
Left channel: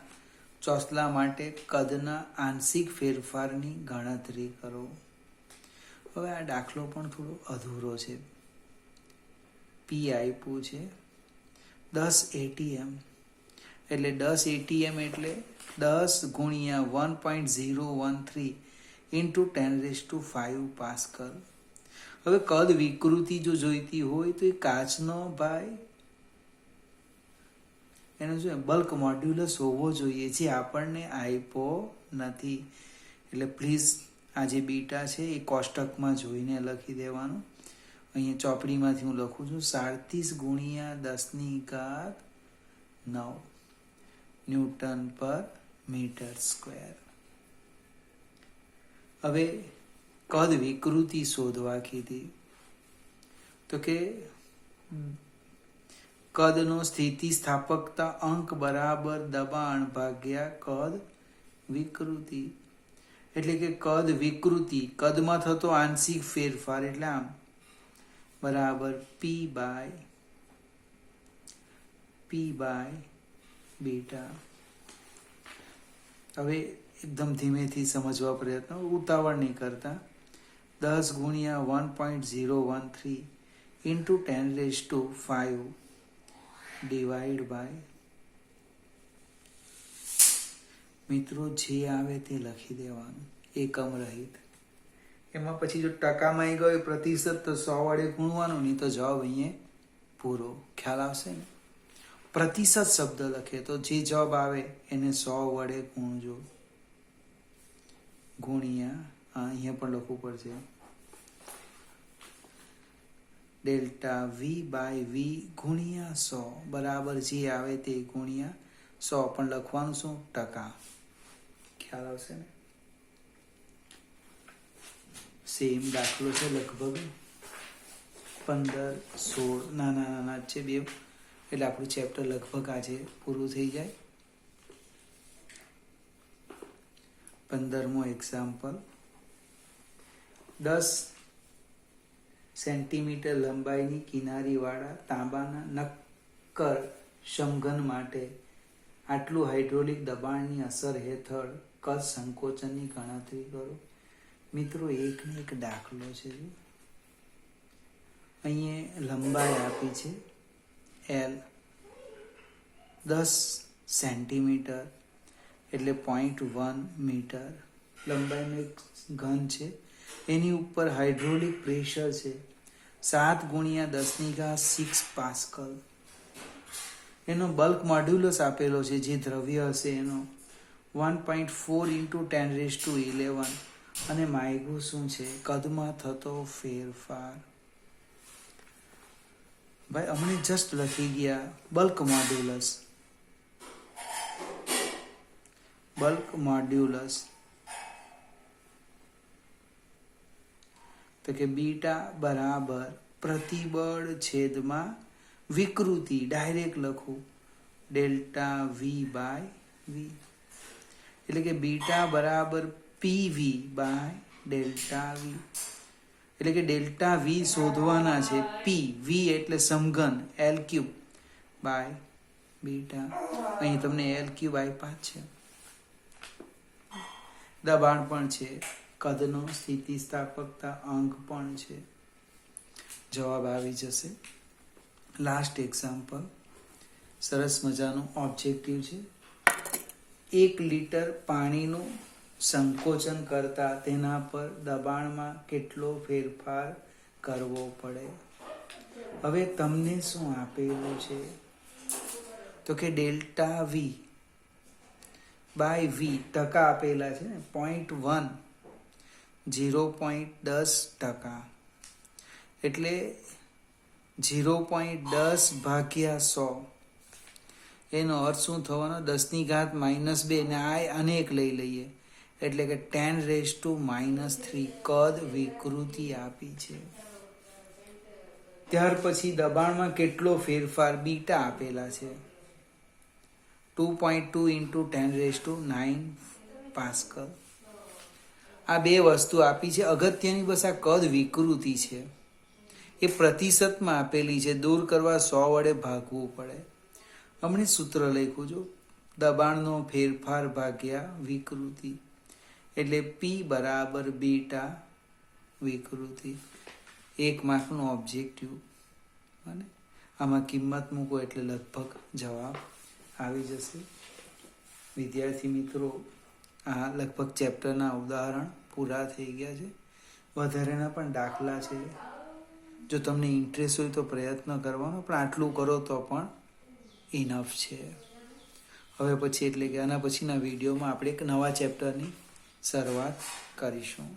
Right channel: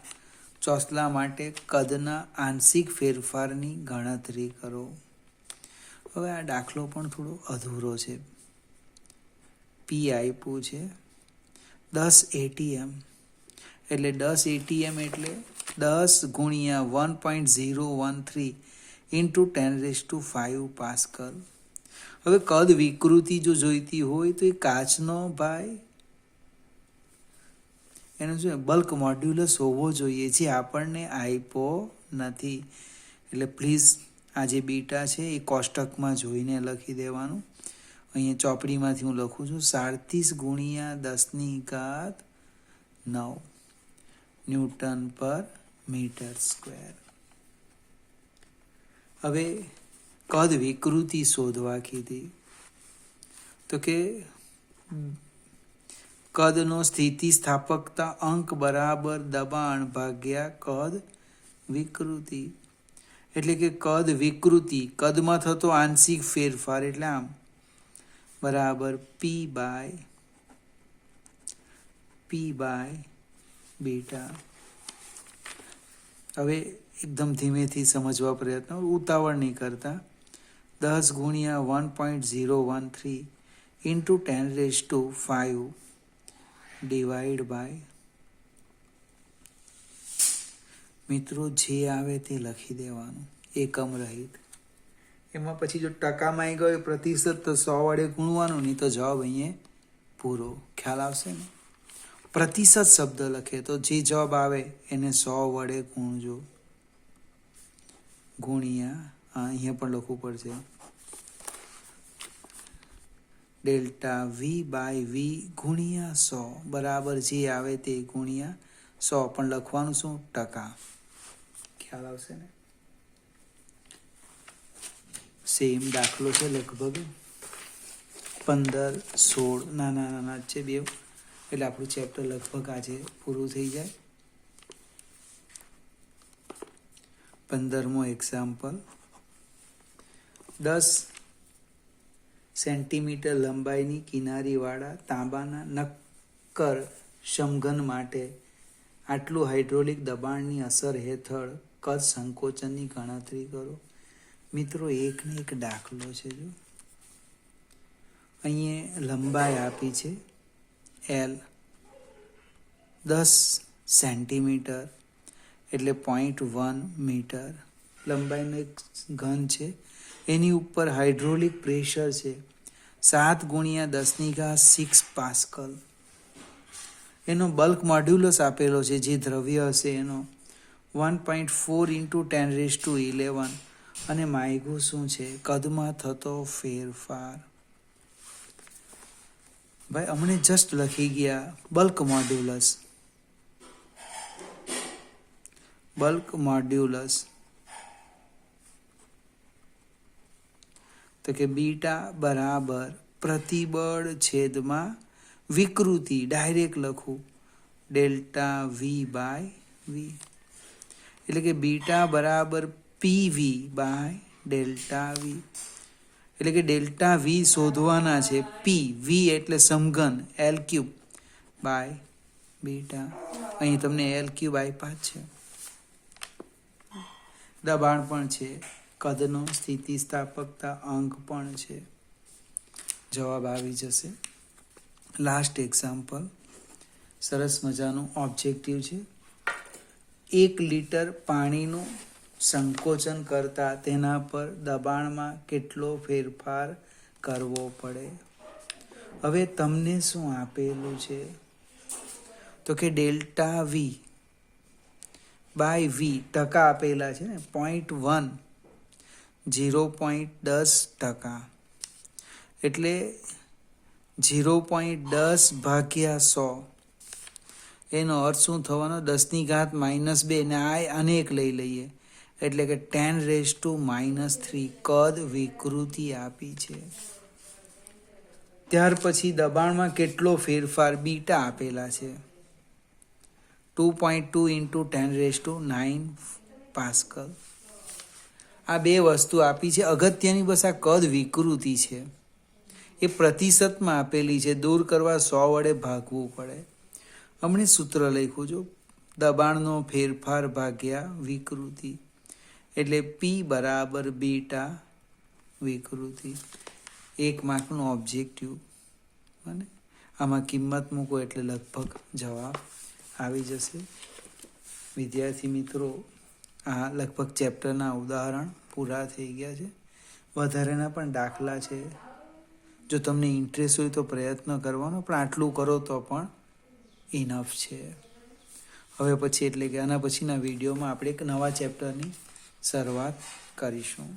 ચોસલા માટે કદના આંશિક ફેરફારની ગણતરી કરો. હવે આ દાખલો પણ થોડો અધૂરો છે. P આપ્યું છે 10 ATM, એટલે 10 ATM એટલે 10 ગુણ્યા 1.013 ઇન્ટુ 10⁵ પાસ્કલ. હવે કદ વિકૃતિ જો જોઈતી હોય તો એ કાચનો ભાઈ એનો શું બલ્ક મોડ્યુલસ હોવો જોઈએ, જે આપણને આપ્યો નથી. એટલે પ્લીઝ આ જે બીટા છે એ કોષ્ટકમાં જોઈને લખી દેવાનું. અહીંયા ચોપડીમાંથી હું લખું છું 37 ગુણ્યા 10⁹ ન્યૂટન પર મીટર સ્ક્વેર. હવે કદ વિકૃતિ શોધવા કીધી, તો કે કદનો સ્થિતિસ્થાપકતા અંક બરાબર દબાણ ભાગ્યા કદ વિકૃતિ. એટલે કે કદ વિકૃતિ, કદમાં થતો આંશિક ફેરફાર, એટલે આમ બરાબર P બાય બીટા. હવે એકદમ ધીમેથી સમજવા પ્રયત્ન, ઉતાવળ નહીં કરતા. 10 ગુણ્યા 1.013 ઇન્ટુ 10⁵ ડિવાઈડ બાય, મિત્રો જે આવે તે લખી દેવાનું એકમ રહિત. એમાં પછી જો ટકામાં આવી ગયો પ્રતિશત તો 100 વડે ગુણવાનું, નહીં તો જવાબ અહીંયા પૂરો. ખ્યાલ આવશે ને? પ્રતિશત શબ્દ લખે તો જે જવાબ આવે એને 100 વડે ગુણજો. ગુણ્યા અહીંયા પણ લખવું પડશે. ડેલ્ટા વી બાય વી ગુણ્યા 100 બરાબર જે આવે તે ગુણ્યા 100. પણ લખવાનું શું? ટકા. ખ્યાલ આવશે ને? સેમ દાખલો છે, લગભગ 15, 16 નાના નાના છે બે, એટલે આપણું ચેપ્ટર લગભગ આજે પૂરું થઈ જાય. 15મો એક્ઝામ્પલ. 10 સેન્ટીમીટર લંબાઈની કિનારીવાળા તાંબાના નક્કર સમઘન માટે આટલું હાઇડ્રોલિક દબાણની અસર હેઠળ કદ સંકોચનની ગણતરી કરો. મિત્રો, એકને એક દાખલો છે. અહીંયા લંબાઈ આપી છે L, 10 સેન્ટીમીટર એટલે 0.1 મીટર લંબાઈનો એક ઘન છે. એની ઉપર હાઇડ્રોલિક પ્રેશર છે 7 × 10⁶ પાસ્કલ. એનો બલ્ક મોડ્યુલસ આપેલો છે, જે દ્રવ્ય હશે એનો 1.4 × 10⁻11 અને માયગું શું છે? કદમાં થતો ફેરફાર. ભાઈ અમને જસ્ટ લખી ગયા બલ્ક મોડ્યુલસ. બલ્ક મોડ્યુલસ તો કે બીટા બરાબર પ્રતિબળ છેદમાં વિકૃતિ. ડાયરેક્ટ લખું ડેલ્ટા વી બાય વી, એટલે કે બીટા બરાબર પીવી બાય ડેલ્ટા વી. એટલે કે ડેલ્ટા વી શોધવાના છે. પી વી એટલે સમઘન L³ બાય બીટા. અહીં તમને L³ આપ્યા છે. દબાણ પણ છે, કદનો સ્થિતિસ્થાપકતા અંક પણ છે. જવાબ આવી જશે. લાસ્ટ એક્ઝામ્પલ સરસ મજાનું ઓબ્જેક્ટિવ છે. 1 લિટર પાણીનું સંકોચન કરતા તેના પર દબાણમાં કેટલો ફેરફાર કરવો પડે? હવે તમને શું આપેલું છે? તો કે ડેલ્ટા વી બાય વી ટકા આપેલા છે ને, 0.1 0.10%, એટલે 0.10 ભાગ્યા 100. એનો અર્થ શું થવાનો? 10⁻², ને આ અનેક લઈ લઈએ એટલે કે 10⁻³ કદ વિકૃતિ આપી છે. ત્યાર પછી દબાણમાં કેટલો ફેરફાર? બીટા આપેલા છે 2.2 × 10⁹ પાસ્કલ. આ બે વસ્તુ આપી છે. અગત્યની બસ આ કદ વિકૃતિ છે, એ પ્રતિશતમાં આપેલી છે. દૂર કરવા 100 વડે ભાગવું પડે. હમણે સૂત્ર લખ્યું છું, દબાણનો ફેરફાર ભાગ્યા વિકૃતિ, એટલે P બરાબર બીટા વિકૃતિ. 1 માર્કનું ઓબ્જેક્ટિવ. અને આમાં કિંમત મૂકો એટલે લગભગ જવાબ આવી જશે. વિદ્યાર્થી મિત્રો, આ લગભગ ચેપ્ટરના ઉદાહરણ પૂરા થઈ ગયા છે. વધારેના પણ દાખલા છે. જો તમને ઇન્ટરેસ્ટ હોય તો પ્રયત્ન કરવાનો, પણ આટલું કરો તો પણ ઇનફ છે. હવે પછી એટલે કે આના પછીના વિડીયોમાં આપણે એક નવા ચેપ્ટરની શરૂઆત કરીશું.